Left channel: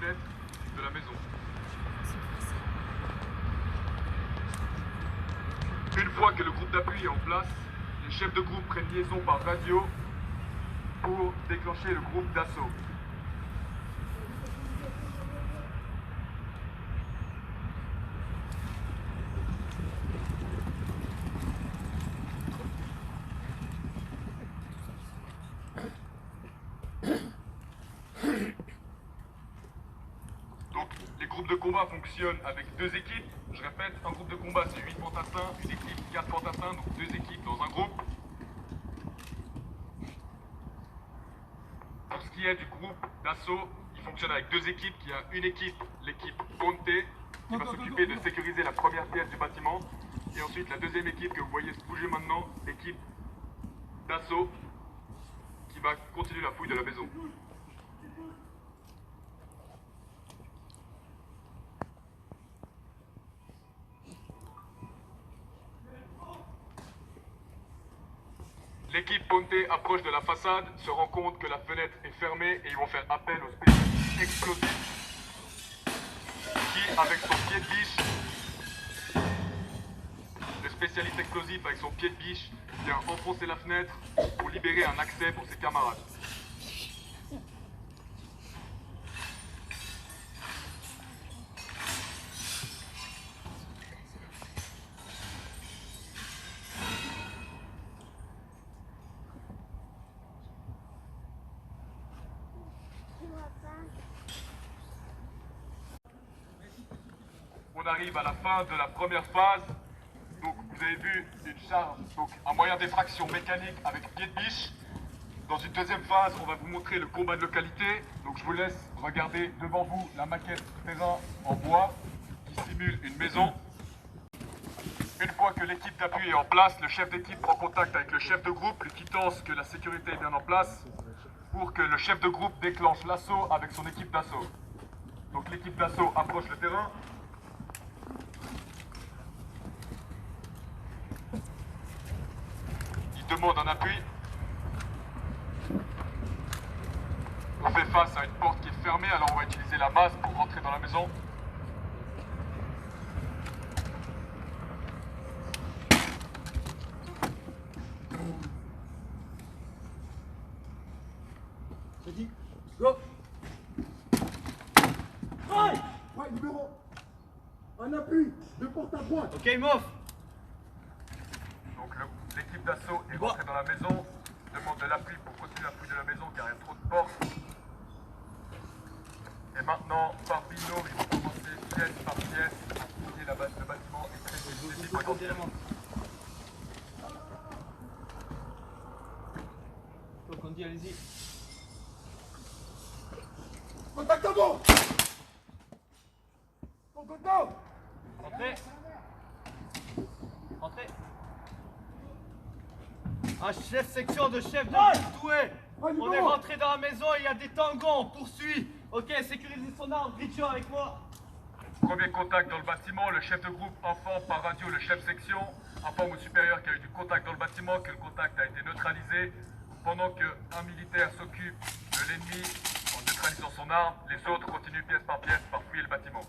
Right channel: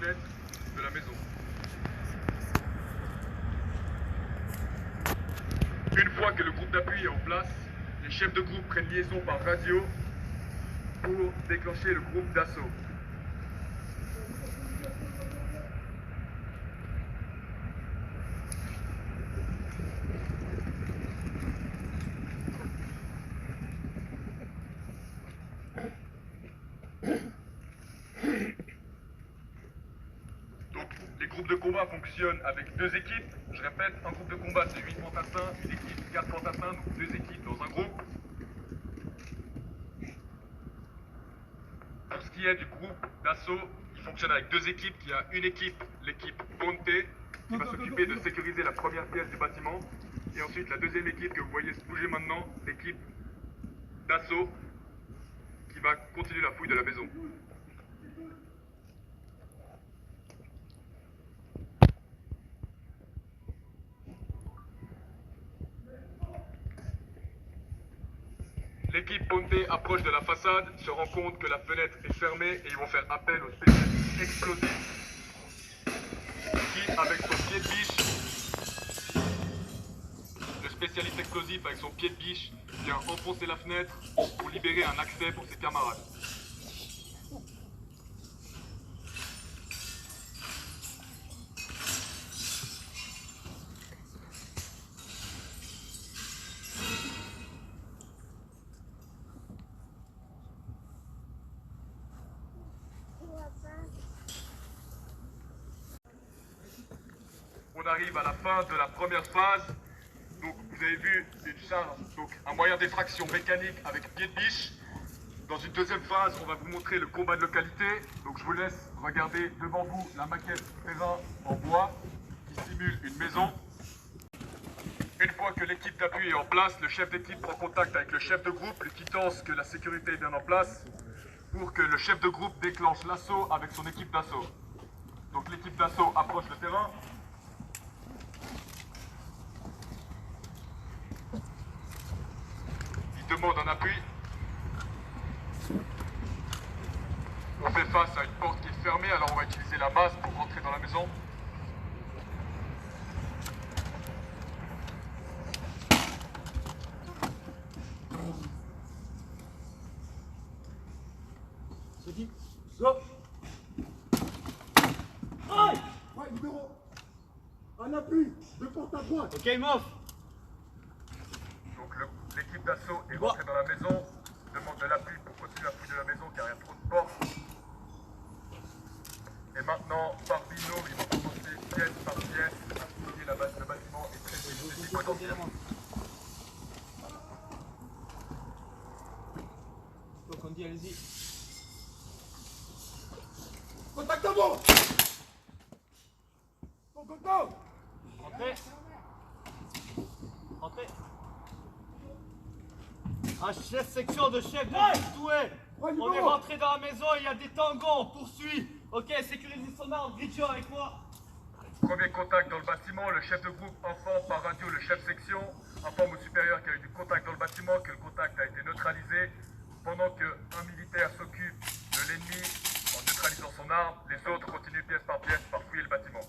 fenêtres de la maison. Une fois que le groupe d'appui est en place, les chefs de groupe prennent liaison par radio pour déclencher le groupe d'assaut. Donc, les groupes de combat fonctionnent avec deux équipes. Je répète, un groupe de combat c'est 8 fantassins, une équipe 4 fantassins, donc deux équipes dans un groupe. Pour ce qui est du groupe d'assaut, il fonctionne avec deux équipes. Il y a une équipe, l'équipe Ponte, qui va s'occuper de sécuriser la première pièce du bâtiment. Et ensuite la deuxième équipe que vous voyez se bouger maintenant, l'équipe d'assaut, qui va continuer la fouille de la maison. L'équipe Ponte approche de la façade, se rend compte que la fenêtre est fermée et ils vont faire appel au spécialiste explosif qui, avec son pied de biche, le spécialiste explosif avec son pied de biche vient enfoncer la fenêtre pour libérer un accès pour ses camarades. On arrive à la fin de la première phase. Donc vous avez vu une charge, donc un moyen d'effraction mécanique avec pied de biche. Dans une deuxième phase, on va vous montrer le combat de localité. Donc je vous laisse regarder devant vous la maquette terrain en bois qui simule une maison. Une fois que l'équipe d'appui est en place, le chef d'équipe prend contact avec le chef de groupe, lui quittant que la sécurité est bien en place pour que le chef de groupe déclenche l'assaut avec son équipe d'assaut. Donc l'équipe d'assaut approche le terrain. Il demande un appui. On fait face à une porte qui est fermée, alors on va utiliser la masse pour rentrer dans la maison. C'est dit. Go. Aïe. Ouais, numéro. Un appui, de porte à droite. Ok, move. Donc l'équipe d'assaut est rentrée dans la maison, demande de l'appui pour continuer la fouille de la maison car il y a trop de portes. Et maintenant, par binôme, ils vont commencer pièce par pièce à fouiller le bâtiment et traiter les potentiels. Donc on dit allez-y. Contact à bord. Ton contact. Entrez. Entrez. Un chef section de chef de groupe doué. On est rentré dans la maison, il y a des tangos, on poursuit. Ok, sécurisez son arme, Gricho avec moi. Premier contact dans le bâtiment, le chef de groupe informe par radio le chef section, informe au supérieur qu'il y a eu du contact dans le bâtiment, que le contact a été neutralisé. Pendant qu'un militaire s'occupe de l'ennemi en neutralisant son arme, les autres continuent pièce par fouiller le bâtiment.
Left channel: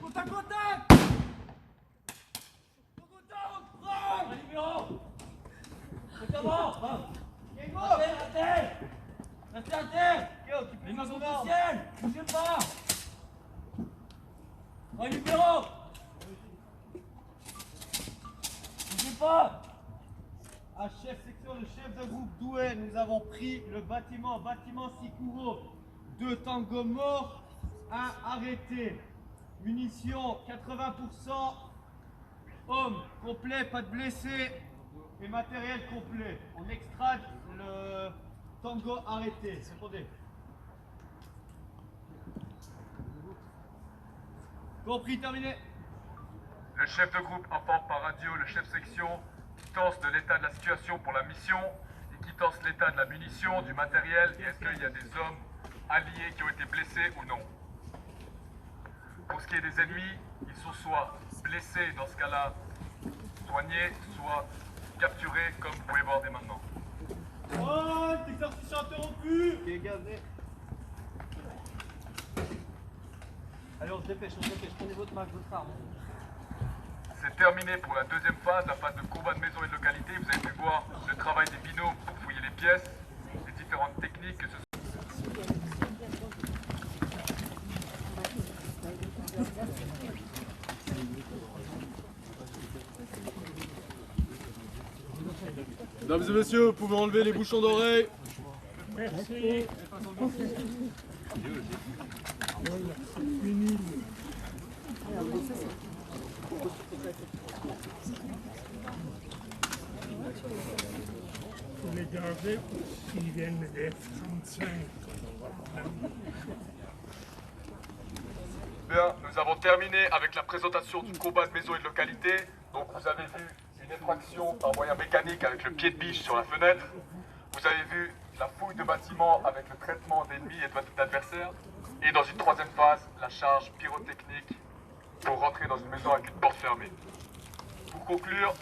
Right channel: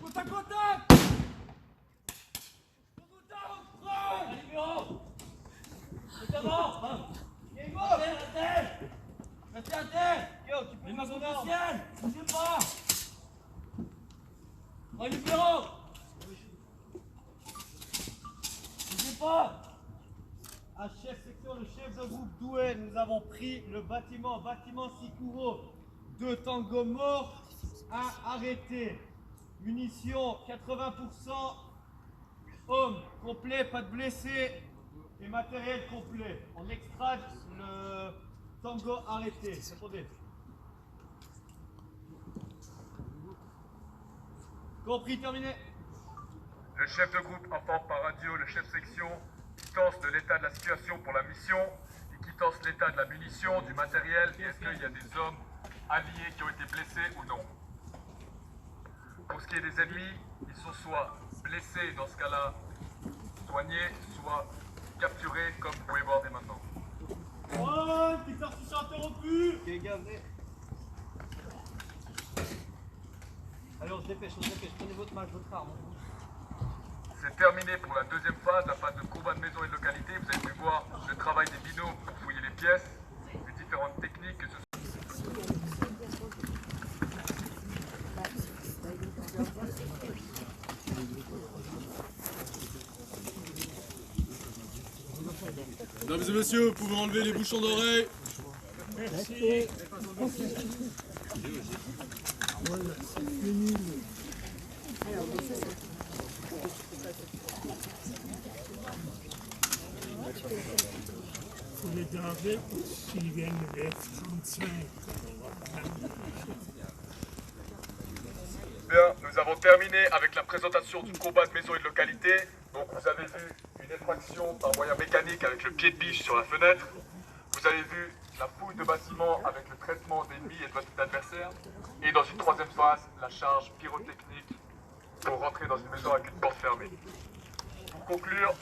Contact, contact. Un numéro. C'est à mort. Il est mort. Restez à terre. Ok, occupez-moi son arme. Bougez pas. Un numéro. Bougez pas. Un chef section, le chef de groupe doué, nous avons pris le bâtiment Sikuro. 2 tangos morts, 1 arrêté. Munitions 80%, hommes complet, pas de blessés et matériel complet. On extrait le tango arrêté. Répondez. Compris, terminé. Le chef de groupe informe par radio le chef section, quittance de l'état de la situation pour la mission et quittance l'état de la munition, du matériel. Est-ce qu'il y a des hommes alliés qui ont été blessés ou non? Pour ce qui est des ennemis, ils sont soit blessés, dans ce cas-là, soignés, soit capturés, comme vous pouvez voir dès maintenant. Oh, l'exercice interrompu. Ok, gazé. Allez, on se dépêche, prenez votre Mac, votre arme. C'est terminé pour la deuxième phase, la phase de combat de maison et de localité. Vous avez pu voir le travail des binômes pour fouiller les pièces, les différentes techniques que ce soit. Mesdames et messieurs, vous pouvez enlever les bouchons d'oreilles. Merci. Faut les garder s'ils viennent de F-35. Bien, nous avons terminé avec la présentation du combat de maison et de localité. Donc vous avez vu une effraction par moyen mécanique avec le pied de biche sur la fenêtre. Vous avez vu la fouille de bâtiments avec le traitement d'ennemis et d'adversaires. Et dans une troisième phase, la charge pyrotechnique pour rentrer dans une maison avec une porte fermée. Pour conclure,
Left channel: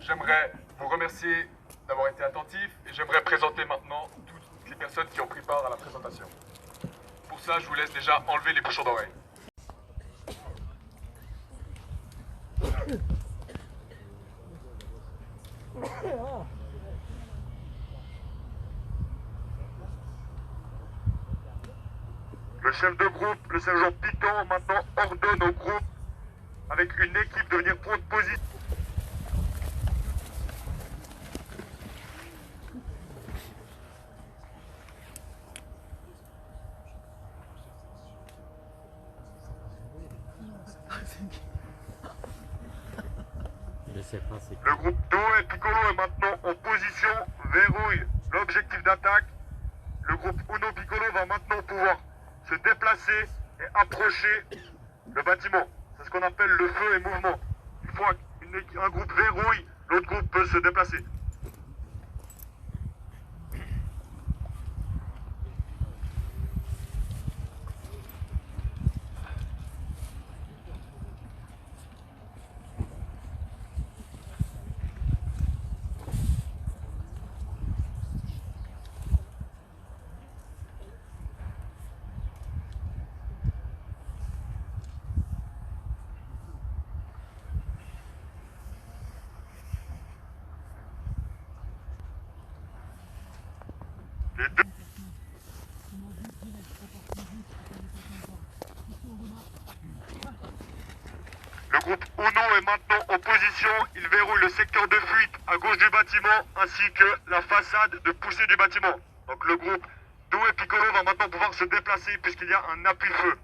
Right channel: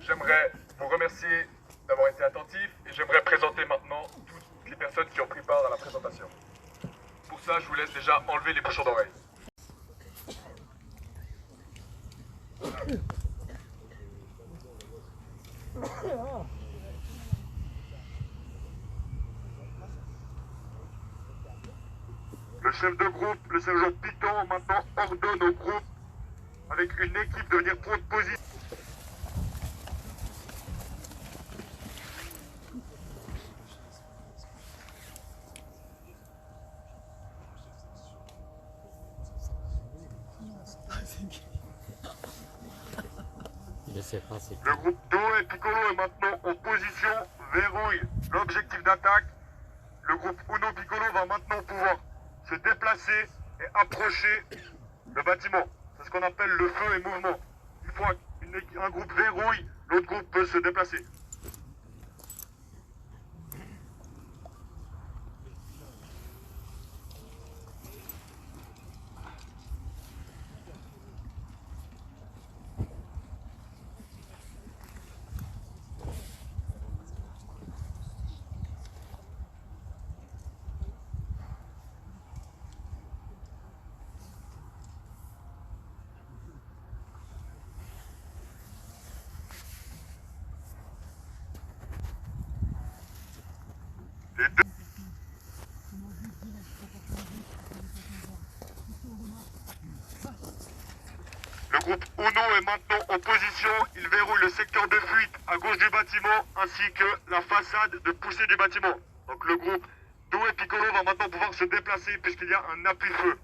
j'aimerais vous remercier d'avoir été attentifs et j'aimerais présenter maintenant toutes les personnes qui ont pris part à la présentation. Pour ça, je vous laisse déjà enlever les bouchons d'oreilles. Le chef de groupe, le sergent Piton, maintenant ordonne au groupe, avec une équipe, de venir prendre position. Le groupe Do et Piccolo est maintenant en position, verrouille l'objectif d'attaque. Le groupe Uno Piccolo va maintenant pouvoir se déplacer et approcher le bâtiment. C'est ce qu'on appelle le feu et mouvement. Une fois qu'un groupe verrouille, l'autre groupe peut se déplacer. Les deux... Le groupe Uno est maintenant en position. Il verrouille le secteur de fuite à gauche du bâtiment ainsi que la façade de poussée du bâtiment. Donc le groupe Do et Piccolo va maintenant pouvoir se déplacer puisqu'il y a un appui-feu.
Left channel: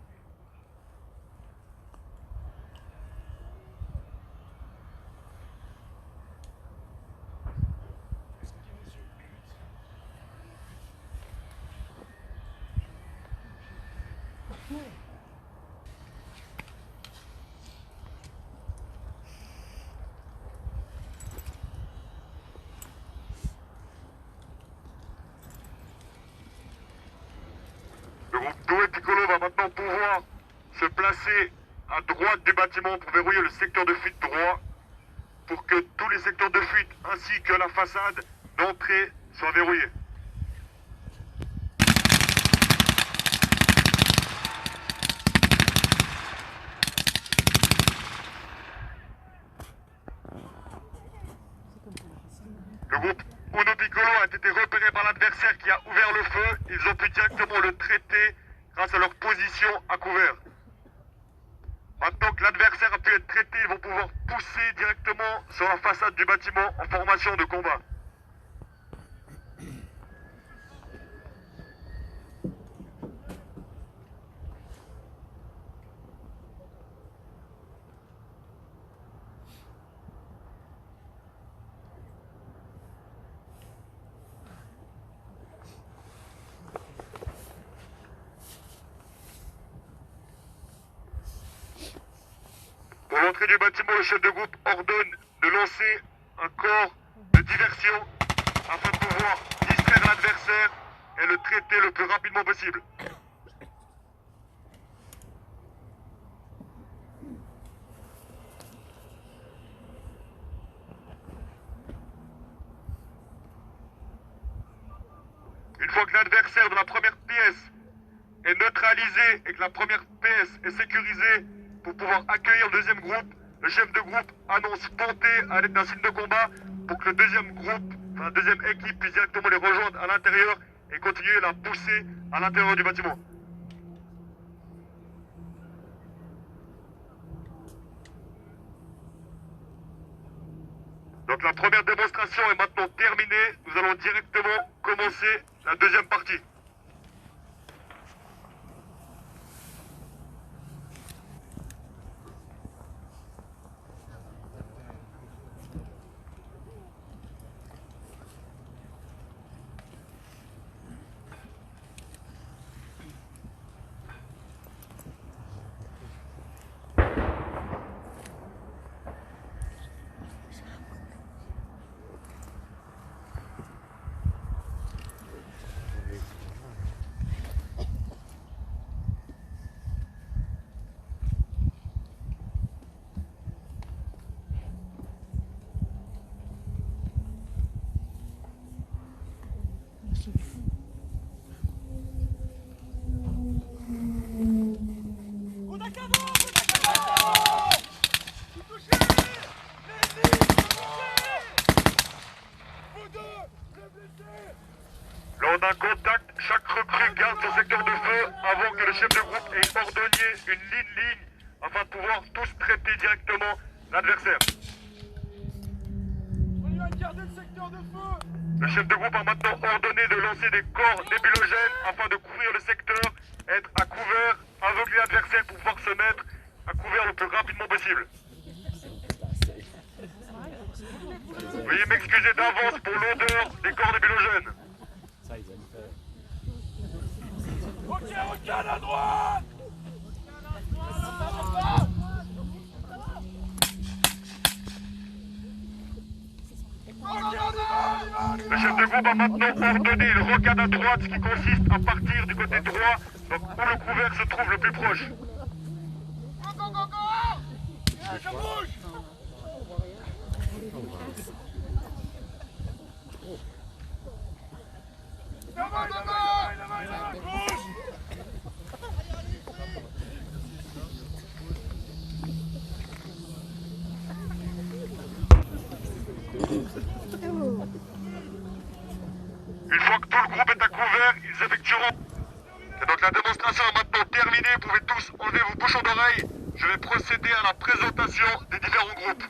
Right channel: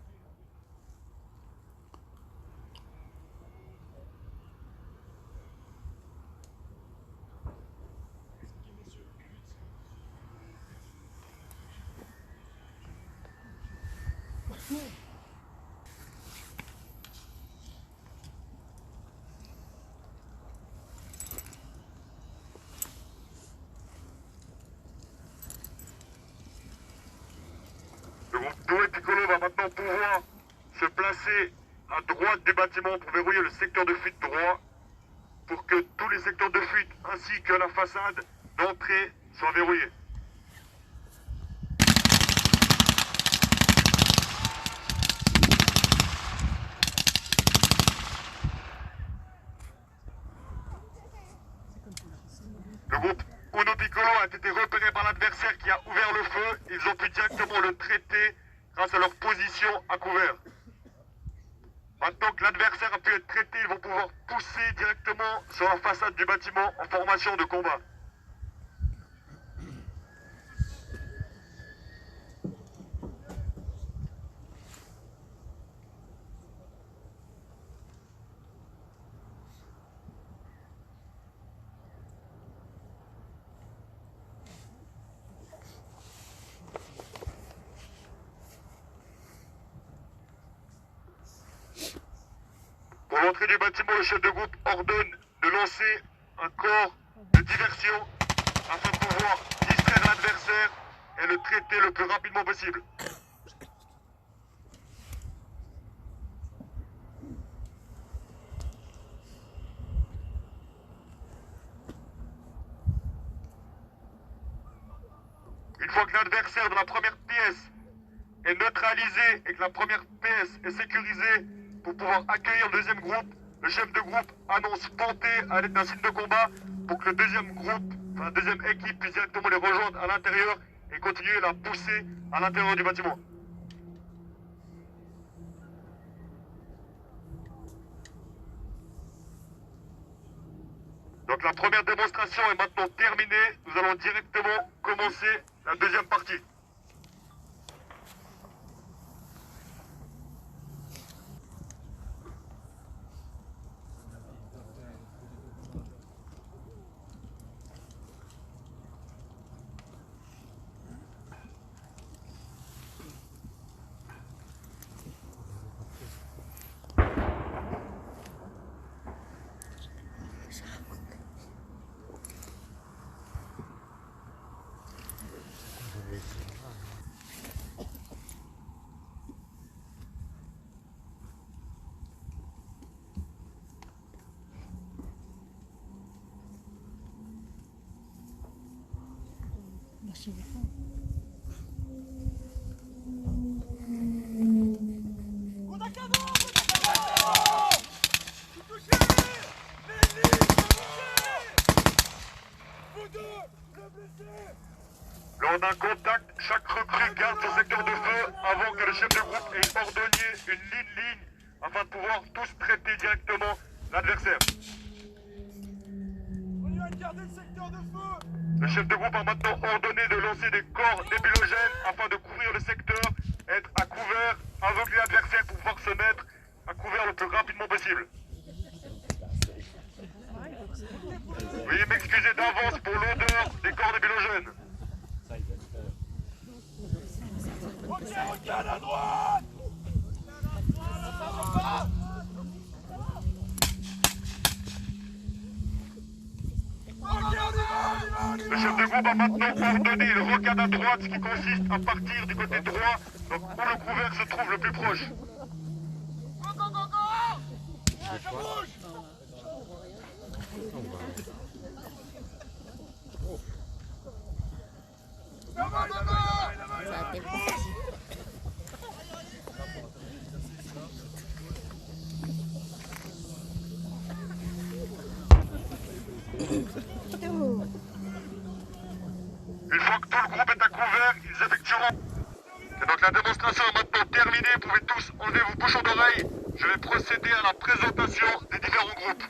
Le groupe Do et Piccolo va maintenant pouvoir se placer à droite du bâtiment pour verrouiller le secteur de fuite droit pour que tous les secteurs de fuite ainsi que la façade d'entrée soient verrouillés. Le groupe Uno Piccolo a été repéré par l'adversaire qui a ouvert le feu. Ils ont pu directement le traiter grâce à leur position à couvert. Maintenant que l'adversaire a pu être traité, ils vont pouvoir pousser directement sur la façade du bâtiment en formation de combat. Pour l'entrée du bâtiment, le chef de groupe ordonne de lancer un corps de diversion afin de pouvoir distraire l'adversaire et le traiter le plus rapidement possible. Une fois que l'adversaire de la première pièce est neutralisée et que la première PS est sécurisée pour pouvoir accueillir le deuxième groupe, le chef de groupe annonce ponter à l'aide d'un signe de combat pour que le deuxième groupe, enfin la deuxième équipe puisse directement les rejoindre à l'intérieur et continuer la poussée à l'intérieur du bâtiment. Donc la première démonstration est maintenant terminée. Nous allons directement commencer la deuxième partie. Lors d'un contact, chaque recrue garde son secteur de feu avant que le chef de groupe ait ordonné une ligne afin de pouvoir tous traiter directement l'adversaire. On y va garder le secteur de feu. Le chef de groupe a maintenant ordonné de lancer des corps nébulogènes afin de couvrir le secteur, être à couvert, aveugler l'adversaire pour pouvoir se mettre à couvert le plus rapidement possible. Veuillez m'excuser d'avance pour l'odeur des corps nébulogènes. Ok, regarde à droite. Le chef de groupe a maintenant ordonné une rocade à droite, ce qui consiste à partir du côté droit, donc où le couvert se trouve le plus proche. Go, go, go, go. Je bouge. Bouge. Une fois que tout le groupe est à couvert, ils effectueront. Et donc la démonstration est maintenant terminée, vous pouvez tous enlever vos bouchons d'oreilles. Je vais procéder à la présentation des différents groupes.